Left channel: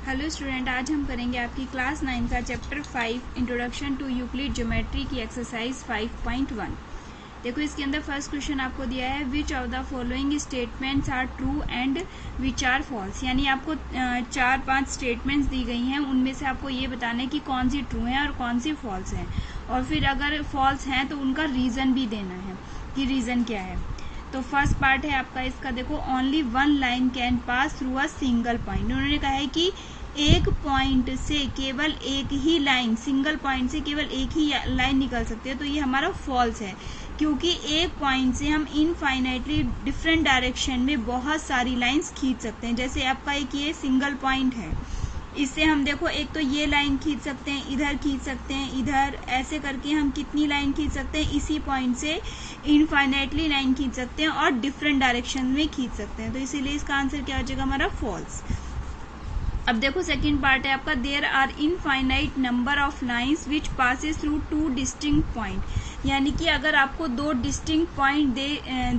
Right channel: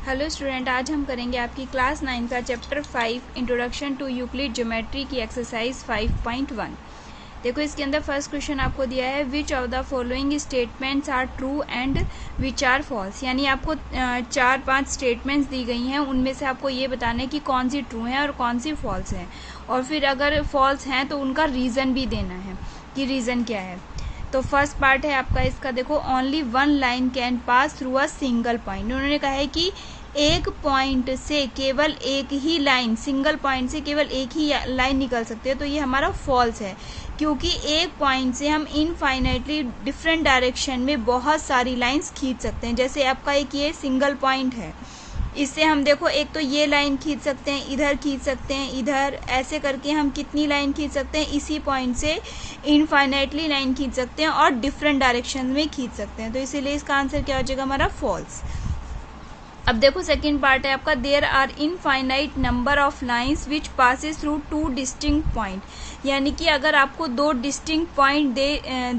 Hello student, आज हम करेंगे आपकी क्लास 9 का chapter 5 introduction to Euclid geometry की एक्सरसाइज 5.1। देखो, इसके अंदर फर्स्ट क्वेश्चन आपको दिया है which of the following statements are true and which are false. यानी आपको 4-5 स्टेटमेंट्स दी गई हैं, उनमें से आपको ये बताना है कि कौन सी ट्रू है और कौन सी फॉल्स है, और फिर अगर फॉल्स हैं तो उनका रीज़न भी देना है कि रीज़न क्या है। तो फर्स्ट पार्ट है आपका इसका, देखो only one line can pass through a single point. उन्होंने कहा है कि एक पॉइंट से केवल एक ही लाइन, सिंगल पॉइंट से केवल एक ही लाइन निकल सकती है, तो ये हमारा फॉल्स है, क्योंकि एक पॉइंट से हम इनफाइनाइटली डिफरेंट डायरेक्शन में बहुत सारी लाइंस खींच सकते हैं। जैसे आपका एक ये सिंगल पॉइंट है, इससे हम देखो एक तो ये लाइन खींच सकते हैं, इधर खींच सकते हैं, इधर, ऐसे करके हम कितनी लाइन खींच सकते हैं, इसी पॉइंट से इनफाइनाइटली लाइन खींच सकते हैं और डिफरेंट डायरेक्शन में खींच सकते हैं। तो इसीलिए इसका आंसर क्या हो जाएगा हमारा फॉल्स। अब देखो सेकंड पार्ट है आपका, there are infinite number of lines which passes through two distinct point. यानी कि अगर आपको दो डिस्टिंक्ट पॉइंट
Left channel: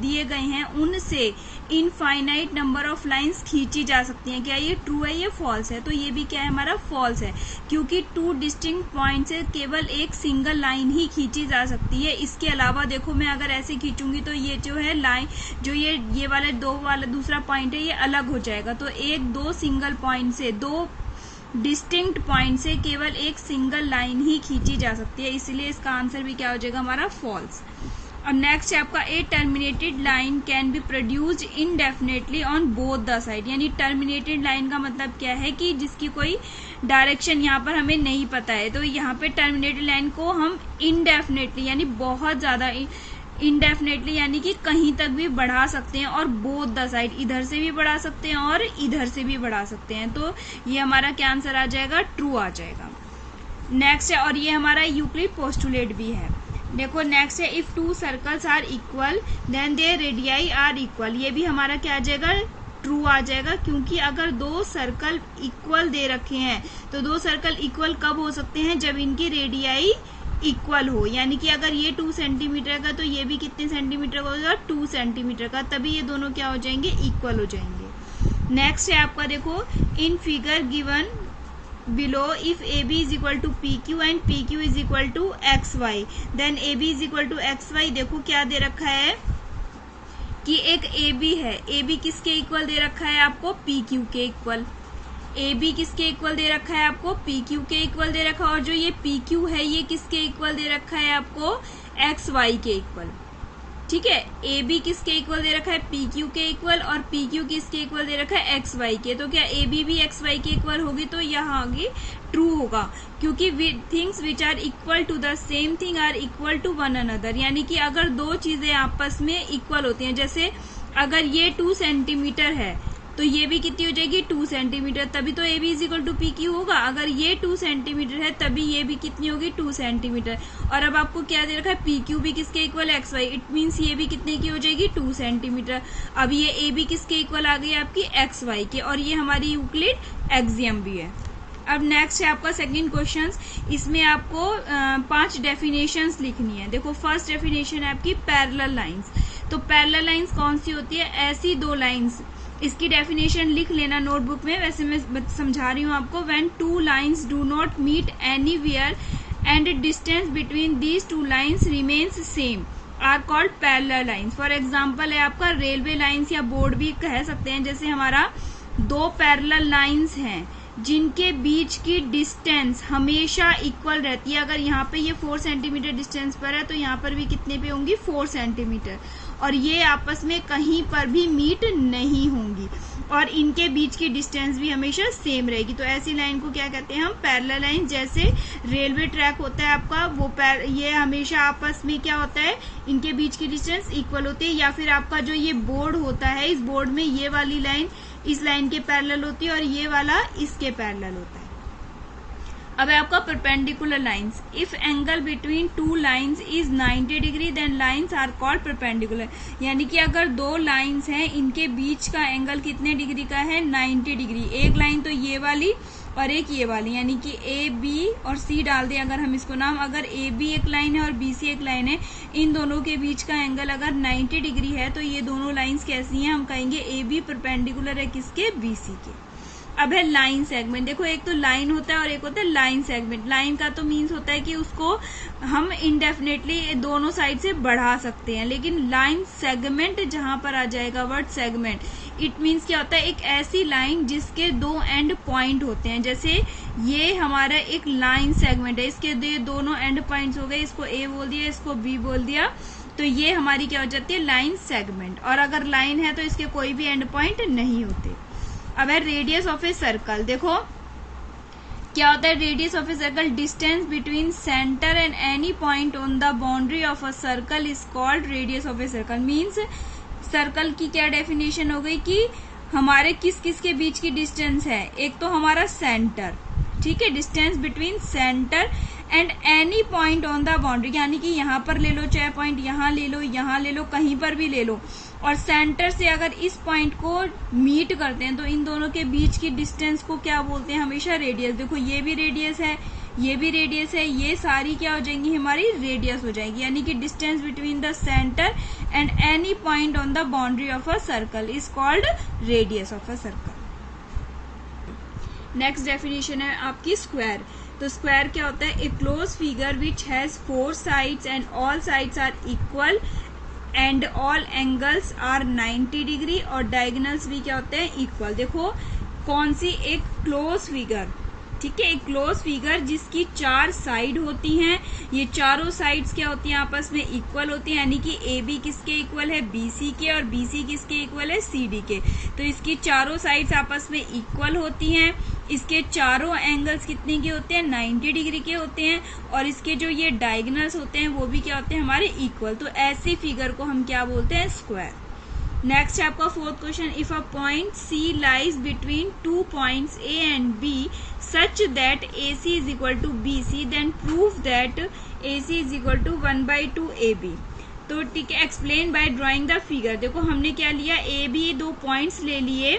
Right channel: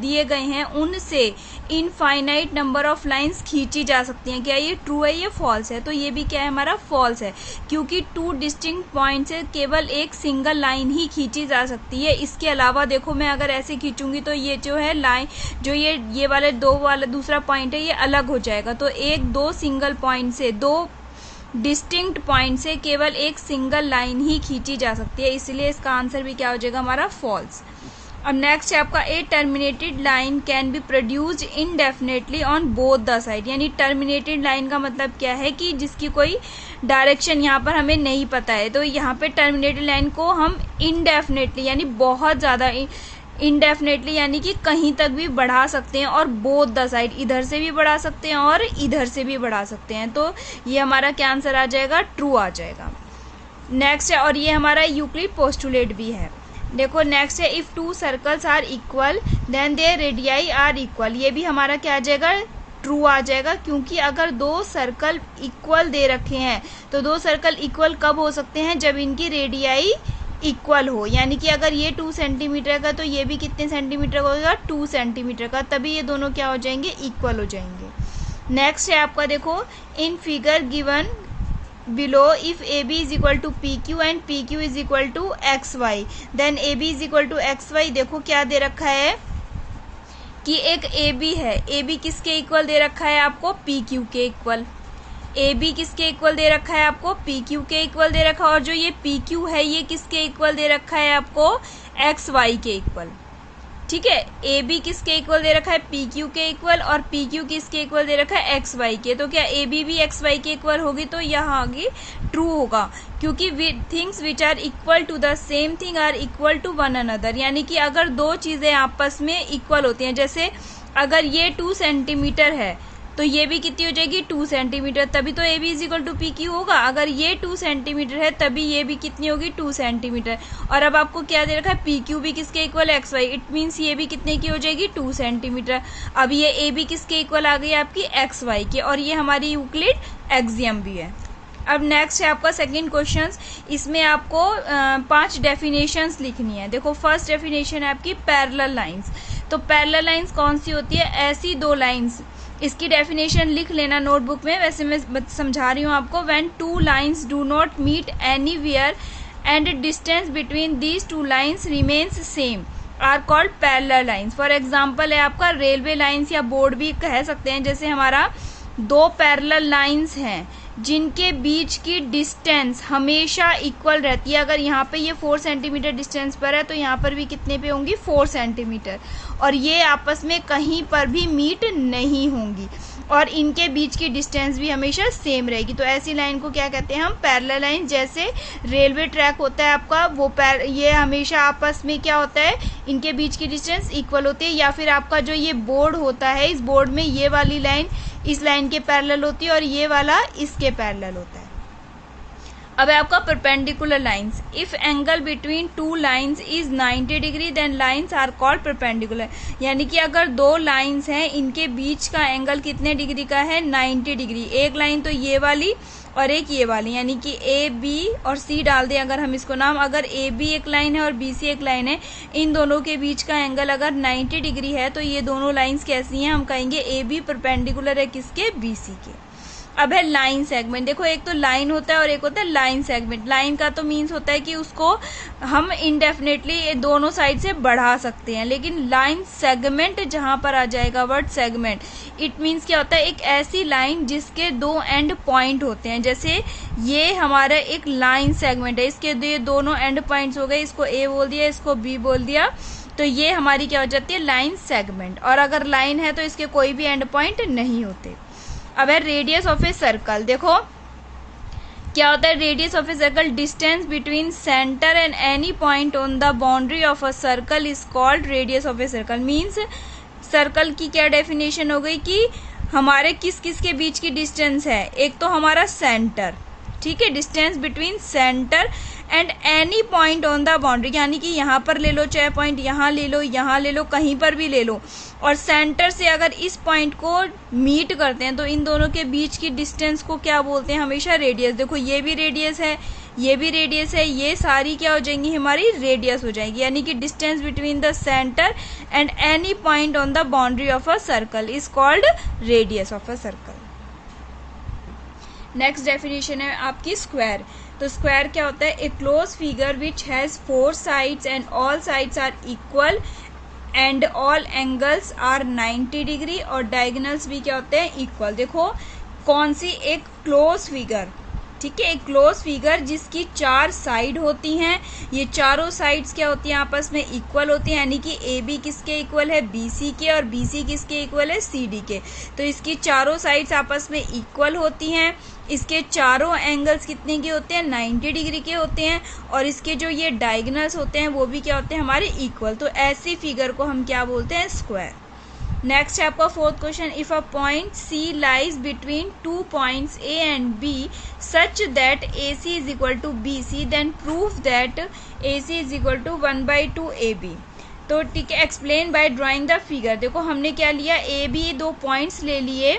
दिए गए हैं, उनसे इनफाइनाइट नंबर ऑफ लाइंस खींची जा सकती हैं। क्या ये ट्रू है, ये फॉल्स है? तो ये भी क्या है हमारा फॉल्स है, क्योंकि टू डिस्टिंक्ट पॉइंट से केवल एक सिंगल लाइन ही खींची जा सकती है। इसके अलावा देखो, मैं अगर ऐसे खींचूंगी तो ये जो है लाइन, जो ये वाले दो वाला दूसरा पॉइंट है, ये अलग हो जाएगा। तो एक दो सिंगल पॉइंट से, दो डिस्टिंक्ट पॉइंट से केवल एक सिंगल लाइन ही खींची जा सकती है, इसलिए इसका आंसर भी क्या हो जाएगा हमारा फॉल्स। अब नेक्स्ट है आपका, a terminated line can be produced indefinitely on both the side. यानी टर्मिनेटेड लाइन का मतलब क्या है कि जिसकी कोई डायरेक्शन यहाँ पर हमें नहीं पता है, तो यहाँ पे टर्मिनेटेड लाइन को हम इनडेफिनेटली यानी बहुत ज्यादा इनडेफिनेटली यानी कि कहीं तक भी बढ़ा सकते हैं, और बोथ द साइड, इधर से भी बढ़ा सकते हैं और इधर से भी बढ़ा सकते हैं। तो ये हमारा क्या आंसर आ जाएगा, ट्रू आ जाएगा। नेक्स्ट है, और ये हमारा यूक्लिड पोस्टुलेट भी है। देखो नेक्स्ट है, if two circles are equal then their radii are equal. ये भी हमारा क्या आ जाएगा, ट्रू आ जाएगा, क्योंकि अगर दो सर्कल इक्वल दे रखे हैं, तो दो सर्कल इक्वल कब हो सकते हैं, जब इनकी रेडियाई इक्वल हो। यानी कि अगर ये 2 सेंटीमीटर का, तो ये भी कितने सेंटीमीटर का होगा, 2 सेंटीमीटर का, तभी ये दोनों क्या हो जाएंगे, इक्वल हो जाएंगे। नेक्स्ट है आपका, देखो in figure given below if AB is equal to PQ and PQ is equal to XY then AB is equal to XY। देखो क्या दे रखा है कि एक AB है, AB किसके इक्वल दे रखा है आपको, PQ के इक्वल। AB किसके इक्वल दे रखा है आपको, PQ के इक्वल दे रखा है, और जो ये PQ है ये किसके इक्वल दे रखा है आपको, XY के इक्वल। ठीक है, ए बी किसके इक्वल दे रखा है, पी क्यू के इक्वल, और पी क्यू किसके इक्वल दे रखा है, एक्स वाई के। तो क्या ए बी भी एक्स वाई के इक्वल होगी, तो यहाँ आगे ट्रू होगा, क्योंकि things which are equal to the same thing are equal to one another. यानी कि अगर दो चीजें आपस में इक्वल होती हैं, जैसे अगर ये 2 सेंटीमीटर है तो ये भी कितनी हो जाएगी, 2 सेंटीमीटर, तभी तो A B is equal to P Q होगा। अगर ये 2 सेंटीमीटर है तभी ये भी कितनी होगी, 2 सेंटीमीटर। और अब आपको क्या दे रखा है, पी क्यू भी किसके इक्वल है, एक्स वाई, इट मीन्स ये भी कितने की हो जाएगी, 2 सेंटीमीटर। अब ये ए बी किसके इक्वल आ गई आपकी, एक्स वाई के, और ये हमारी यूक्लिड एक्सियम भी है। अब नेक्स्ट है आपका सेकंड क्वेश्चन, इसमें आपको 5 डेफिनेशंस लिखनी है। देखो फर्स्ट डेफिनेशन है आपकी पैरेलल लाइंस। तो पैरेलल लाइंस कौन सी होती है, ऐसी दो लाइंस, इसकी डेफिनेशन लिख लेना नोटबुक में, वैसे मैं समझा रही हूँ आपको। When two lines do not meet anywhere and distance between these two lines remains same are called parallel lines. For example है आपका रेलवे लाइंस, या बोर्ड भी कह सकते हैं। जैसे हमारा दो पैरेलल लाइंस हैं जिनके बीच की डिस्टेंस हमेशा इक्वल रहती है। अगर यहाँ पे ये 4 सेंटीमीटर डिस्टेंस पर है, तो यहाँ पर भी कितने पे होंगी, 4 सेंटीमीटर, और ये आपस में कहीं पर भी मीट नहीं होंगी, और इनके बीच की डिस्टेंस भी हमेशा सेम रहेगी। तो ऐसी लाइन को क्या कहते हैं हम, पैरेलल लाइन। जैसे रेलवे ट्रैक होता है आपका, वो ये हमेशा आपस में क्या होता है, इनके बीच की डिस्टेंस इक्वल होती है। या फिर आपका जो ये बोर्ड होता है, इस बोर्ड में ये वाली लाइन इस लाइन के पैरेलल होती है, और ये वाला इसके पैरेलल होता है। अब है आपका perpendicular lines. If angle between two lines is 90 degree then lines are called perpendicular. यानी कि अगर दो लाइंस हैं, इनके बीच का एंगल कितने डिग्री का है, 90 डिग्री। एक लाइन तो ये वाली और एक ये वाली, यानी कि ए बी और सी डाल दें अगर हम इसको नाम। अगर ए बी एक लाइन है और बी सी एक लाइन है, इन दोनों के बीच का एंगल अगर 90 डिग्री है, तो ये दोनों लाइंस कैसी हैं, हम कहेंगे ए बी परपेंडिकुलर है किसके, बी सी के। अब है लाइन सेगमेंट। देखो एक तो लाइन होता है और एक होता है लाइन सेगमेंट। लाइन का तो मीन्स होता है कि उसको हम इनडेफिनेटली दोनों साइड से बढ़ा सकते हैं, लेकिन लाइन सेगमेंट जहां पर आ जाएगा वर्ड सेगमेंट, इट मीन्स क्या होता है, एक ऐसी लाइन जिसके दो एंड पॉइंट होते हैं। जैसे ये हमारा एक लाइन सेगमेंट है, इसके ये दोनों एंड पॉइंट्स हो गए, इसको ए बोल दिया, इसको बी बोल दिया, तो ये हमारी क्या हो जाती है, लाइन सेगमेंट। और अगर लाइन है तो इसके कोई भी एंड पॉइंट नहीं होते। अब है रेडियस ऑफ ए सर्कल। देखो क्या होता है radius of a circle, distance between centre and any point on the boundary of a circle is called radius of a circle. Means circle की क्या डेफिनेशन हो गई कि हमारे किस किस के बीच की डिस्टेंस है, एक तो हमारा सेंटर, ठीक है, distance between centre and any point on the boundary, यानी कि यहाँ पर ले लो, चाहे पॉइंट यहाँ ले लो, यहाँ ले लो, कहीं पर भी ले लो, और सेंटर से अगर इस पॉइंट को मीट करते हैं तो इन दोनों के बीच की डिस्टेंस को क्या बोलते हैं, हमेशा रेडियस। देखो ये भी रेडियस है, ये भी रेडियस है, ये सारी क्या हो जाएंगी, हमारी रेडियस हो जाएगी। यानी कि distance between the centre and any point on the boundary of a circle is called radius of a circle. Next definition है आपकी स्क्वायर। तो स्क्वायर क्या होता है, a close figure which has 4 sides and all sides are equal and all angles are 90 degree, और diagonals भी क्या होते हैं, इक्वल। देखो कौन सी, एक क्लोज फिगर, ठीक है, एक क्लोज फिगर जिसकी 4 साइड होती हैं, ये चारों साइड्स क्या होती हैं, आपस में इक्वल होती हैं, यानी कि ए बी किसके इक्वल है, बी सी के, और बी सी किसके इक्वल है, सी डी के। तो इसकी चारों साइड्स आपस में इक्वल होती हैं, इसके चारों एंगल्स कितने के होते हैं, 90 डिग्री के होते हैं, और इसके जो ये डायगोनल्स होते हैं वो भी क्या होते हैं, हमारे इक्वल। तो ऐसी फिगर को हम क्या बोलते हैं, स्क्वायर। नेक्स्ट है आपका fourth question, if a point C lies between 2 points A and B such that A C is equal to B C, then prove that A C is equal to 1/2 A B. तो ठीक है, explain by drawing the figure. देखो हमने क्या लिया, A B 2 points ले लिए,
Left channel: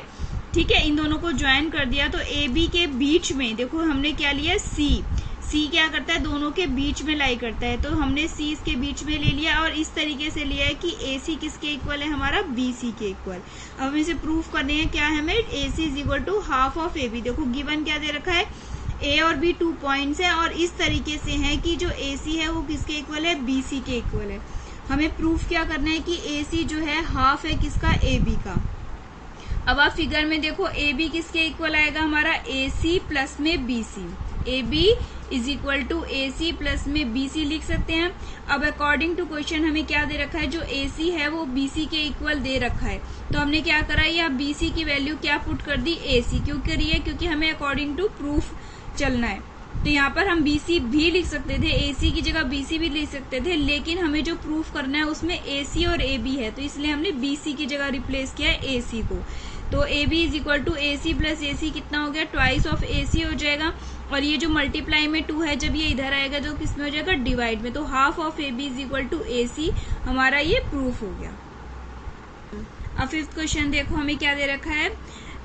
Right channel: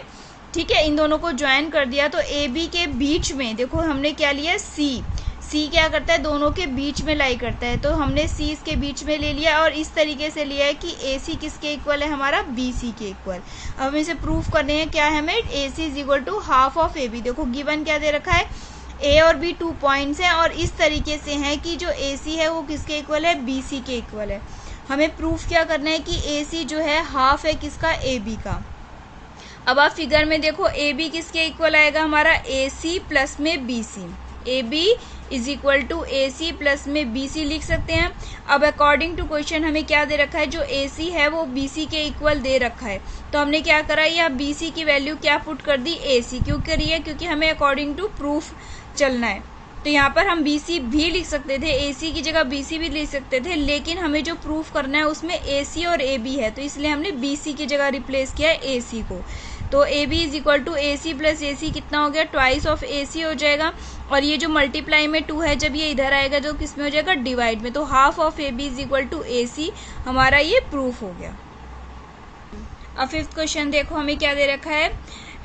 ठीक है, इन दोनों को ज्वाइन कर दिया, तो ए बी के बीच में देखो हमने क्या लिया, सी। सी क्या करता है, दोनों के बीच में लाई करता है, तो हमने सी इसके बीच में ले लिया, और इस तरीके से लिया है कि ए सी किसके इक्वल है, हमारा बी सी के इक्वल। अब हमें इसे प्रूफ करने हैं, क्या है, हमें A C is equal to half of A B. देखो गिवन क्या दे रखा है, ए और बी 2 पॉइंट्स हैं, और इस तरीके से है कि जो ए सी है वो किसके इक्वल है, बी सी के इक्वल है। हमें प्रूफ क्या करना है कि ए सी जो है हाफ है किसका, ए बी का। अब आप फिगर में देखो ए बी किसके इक्वल आएगा, हमारा ए सी प्लस में B C. A B is equal to A C plus में बी सी लिख सकते हैं। अब अकॉर्डिंग टू क्वेश्चन हमें क्या दे रखा है, जो ए सी है वो बी सी के इक्वल दे रखा है, तो हमने क्या करा, या बी सी की वैल्यू क्या पुट कर दी, ए सी। क्यों करी है, क्योंकि हमें अकॉर्डिंग टू प्रूफ चलना है। तो यहाँ पर हम बी सी भी लिख सकते थे, ए सी की जगह बी सी भी लिख सकते थे, लेकिन हमें जो प्रूफ करना है उसमें ए सी और ए बी है, तो इसलिए हमने बी सी की जगह रिप्लेस किया है ए सी को। तो A B is equal to A C plus A C कितना हो गया, ट्वाइस ऑफ ए सी हो जाएगा, और ये जो मल्टीप्लाई में 2 है, जब ये इधर आएगा जो किस में हो जाएगा, डिवाइड में, तो half of A B is equal to A C, हमारा ये प्रूफ हो गया। अब फिफ्थ क्वेश्चन देखो हमें क्या दे रखा है,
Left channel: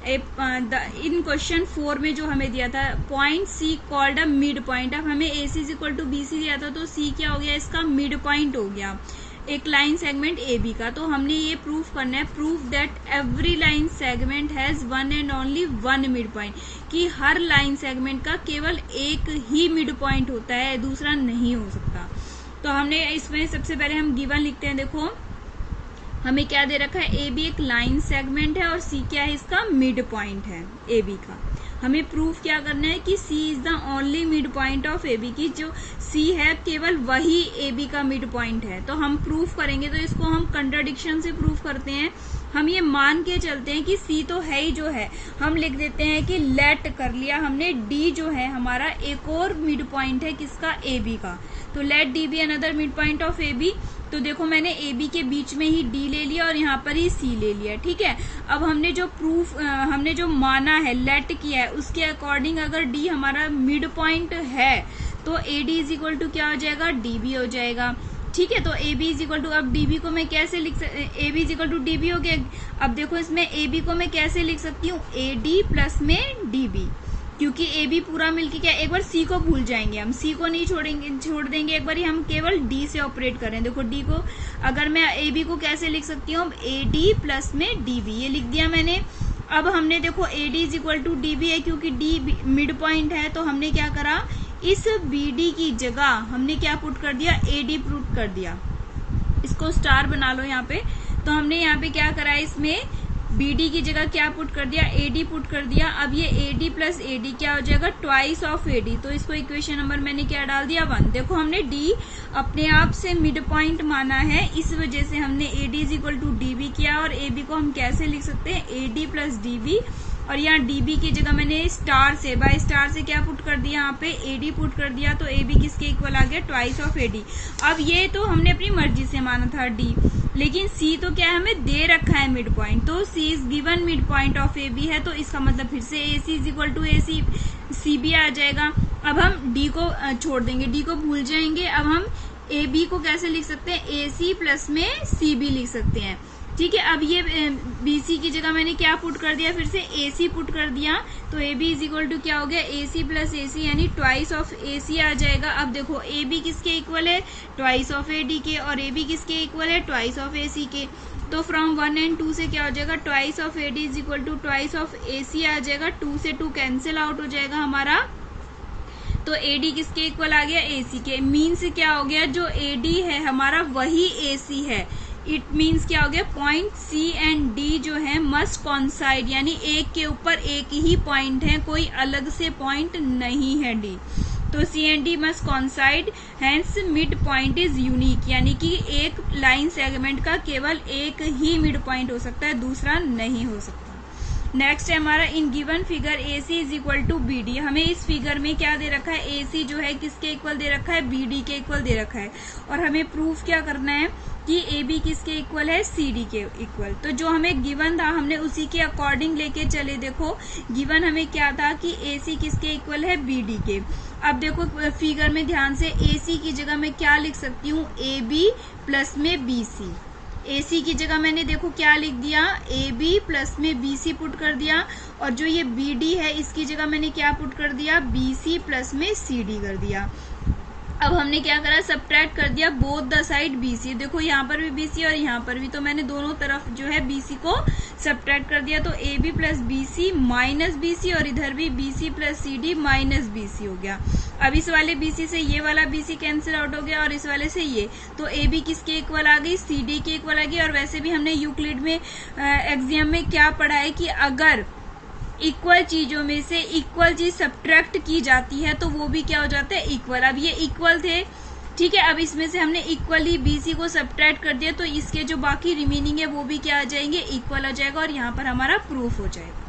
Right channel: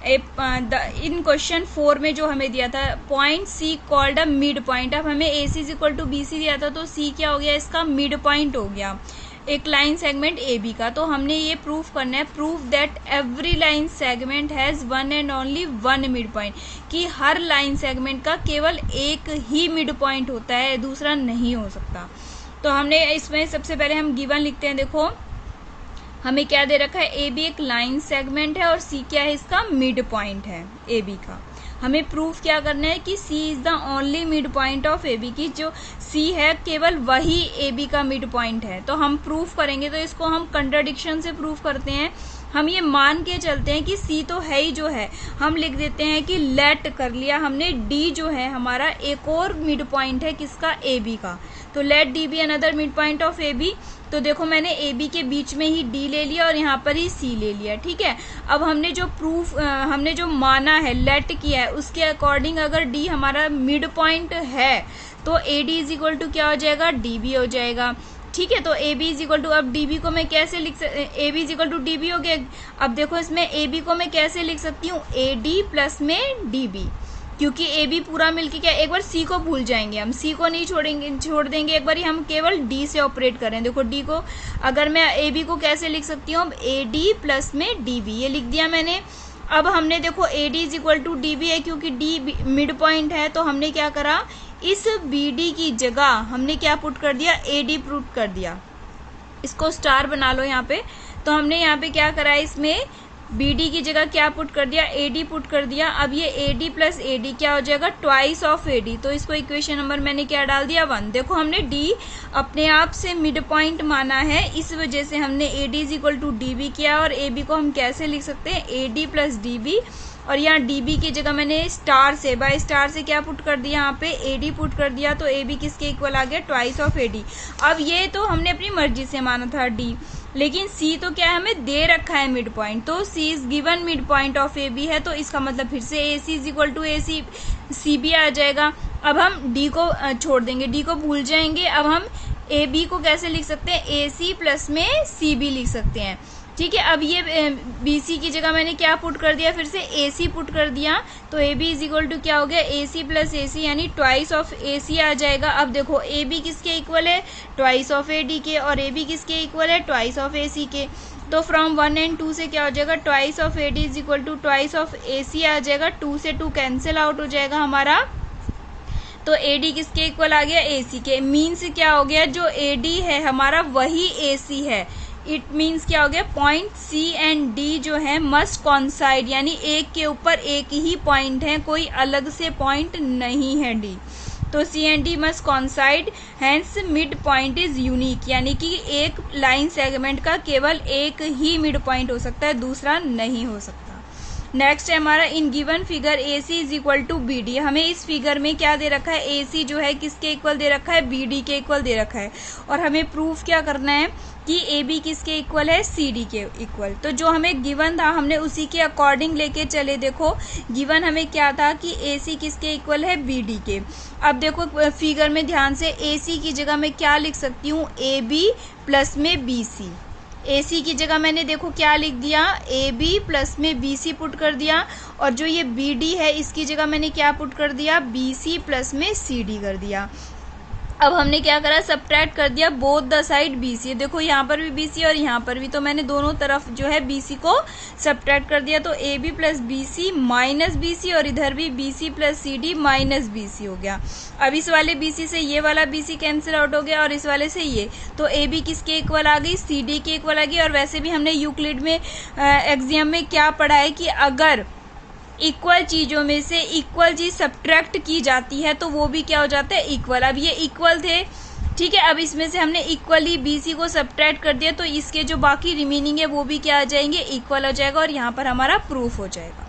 इन क्वेश्चन 4 में जो हमें दिया था, point C called a mid point. अब हमें A C is equal to B C दिया था, तो सी क्या हो गया, इसका मिड पॉइंट हो गया, एक लाइन सेगमेंट ए बी का। तो हमने ये प्रूफ करना है, proof that every line segment has 1 and only 1 mid point, कि हर लाइन सेगमेंट का केवल एक ही मिड पॉइंट होता है, दूसरा नहीं हो सकता। तो हमने इसमें सबसे पहले हम गिवन लिखते हैं। देखो हमें क्या दे रखा है, ए बी एक लाइन सेगमेंट है और सी क्या है, इसका मिड पॉइंट है ए बी का। हमें प्रूफ क्या करना है कि C is the only mid point of A B, की जो सी है केवल वही ए बी का मिड पॉइंट है। तो हम प्रूफ करेंगे, तो इसको हम कंट्राडिक्शन से प्रूफ करते हैं। हम ये मान के चलते हैं कि सी तो है ही जो है, हम लिख देते हैं कि लेट कर लिया हमने, डी जो है हमारा एक और मिड पॉइंट है किसका, ए बी का। तो let D be another mid point of A B. तो देखो मैंने ए बी के बीच में ही डी ले लिया और यहाँ पर ही सी ले लिया, ठीक है। अब हमने जो प्रूफ हमने जो माना है, लेट किया है, उसके अकॉर्डिंग अगर डी हमारा मिड पॉइंट है तो A D is equal to क्या हो जाएगा, डी बी हो जाएगा, ठीक है। तो A B is equal to, अब डी बी को मैं कैसे लिख A B is equal to D B हो गया। अब देखो इसमें ए बी को मैं कैसे लिख सकती हूँ, ए डी प्लस में डी बी, क्योंकि ए बी पूरा मिलके क्या, एक बार सी को भूल जाएंगे हम, सी को नहीं छोड़ देंगे, एक बार ही हम केवल डी से ऑपरेट करें। देखो डी को अगर मैं ए बी को कैसे लिख सकती हूँ, ए डी प्लस में डी बी, ये लिख दिया मैंने। अब हमने देखो AD is equal to DB है, क्योंकि D मिड पॉइंट है, तो हमने क्या करा, इस BD की जगह हमने क्या पुट कर दिया, AD पुट कर दिया। इसको स्टार बना लो यहाँ पे। तो हमने यहाँ पे क्या करा है, इसमें BD की जगह क्या पुट कर दिया, AD पुट कर दिया। अब ये AD प्लस AD क्या हो जाएगा, ट्वाइस ऑफ AD। तो इसको इक्वेशन नंबर मैंने क्या डाल दिया, 1। देखो हमने D अपने आप से मिड पॉइंट माना है, इस वजह से हमने AD is equal to DB किया। और AB को हम कैसे लिख सकते हैं, AD प्लस DB। और यहाँ DB की जगह मैंने स्टार से, बाय स्टार से क्या पुट कर दिया, यहाँ पे AD पुट कर दिया। तो AB किसके इक्वल आ गया, ट्वाइस ऑफ AD। अब ये तो हमने अपनी मर्जी से माना था D, लेकिन C तो क्या है, हमें दे रखा है मिड पॉइंट। तो C is given mid point of AB है, तो इसका मतलब फिर से AC is equal to AC, CB आ जाएगा। अब हम D को छोड़ देंगे, D को भूल जाएंगे। अब हम AB को कैसे लिख सकते हैं, AC प्लस में CB लिख सकते हैं। ठीक है, अब ये BC की जगह मैंने क्या पुट कर दिया, फिर से AC पुट कर दिया। तो AB इज इक्वल टू क्या हो गया, AC प्लस AC, यानी ट्वाइस ऑफ AC आ जाएगा। अब देखो AB किसके इक्वल है, ट्वाइस ऑफ AD के, और AB किसके इक्वल है, ट्वाइस ऑफ AC के। तो फ्रॉम 1 और 2 से क्या हो जाएगा, twice of AD is equal to twice of AC आ जाएगा। 2 से 2 कैंसिल आउट हो जाएगा हमारा। तो AD किसके इक्वल आ गया, AC के। मीन्स क्या हो गया, जो AD है हमारा वही AC है। इट मीन्स क्या हो गया, पॉइंट C एंड D जो है मस्ट कॉन्साइड, यानी एक के ऊपर एक ही पॉइंट है, कोई अलग से पॉइंट नहीं है D। तो C and D must coincide, hence mid point is unique, यानी कि एक लाइन सेगमेंट का केवल एक ही मिड पॉइंट हो सकता है, दूसरा नहीं हो सकता। नेक्स्ट है हमारा, in given figure AC is equal to BD। हमें इस फिगर में क्या दे रखा है, AC जो है किसके इक्वल दे रखा है, BD के इक्वल दे रखा है। और हमें प्रूफ क्या करना है कि AB किसके इक्वल है, CD के इक्वल। तो जो हमें गिवन था हमने उसी के अकॉर्डिंग लेके चले। देखो गिवन हमें क्या था कि AC किसके इक्वल है, BD के। अब देखो फिगर में ध्यान से, AC की जगह मैं क्या लिख सकती हूँ, AB प्लस में BC। AC की जगह मैंने देखो क्या लिख दिया, AB प्लस में BC पुट कर दिया। और जो ये BD है इसकी जगह मैंने क्या पुट कर दिया, BC प्लस में CD कर दिया। अब हमने क्या करा, सब्ट्रैक्ट कर दिया बोथ द साइड BC। देखो यहाँ पर भी BC और यहाँ पर भी, तो मैंने दोनों तरफ जो है BC को सब्ट्रैक्ट कर दिया। तो AB plus BC minus BC, और इधर भी BC plus CD minus BC हो गया। अब इस वाले BC से ये वाला BC कैंसिल आउट हो गया, और इस वाले से ये। तो AB किसके इक्वल आ गई, CD के इक्वल आ गई। और वैसे भी हमने यूक्लिड में एग्जाम में क्या पढ़ा है कि अगर इक्वल चीजों में से इक्वल चीज सब्ट्रैक्ट की जाती है तो वो भी क्या हो जाता है, इक्वल। अब ये इक्वल थे, ठीक है। अब इसमें से हमने इक्वली BC को सब्ट्रैक्ट कर दिया, तो इसके जो बाकी रिमेनिंग है वो भी क्या आ जाएंगे, इक्वल हो जाएगा। और यहाँ पर हमारा प्रूफ हो जाएगा।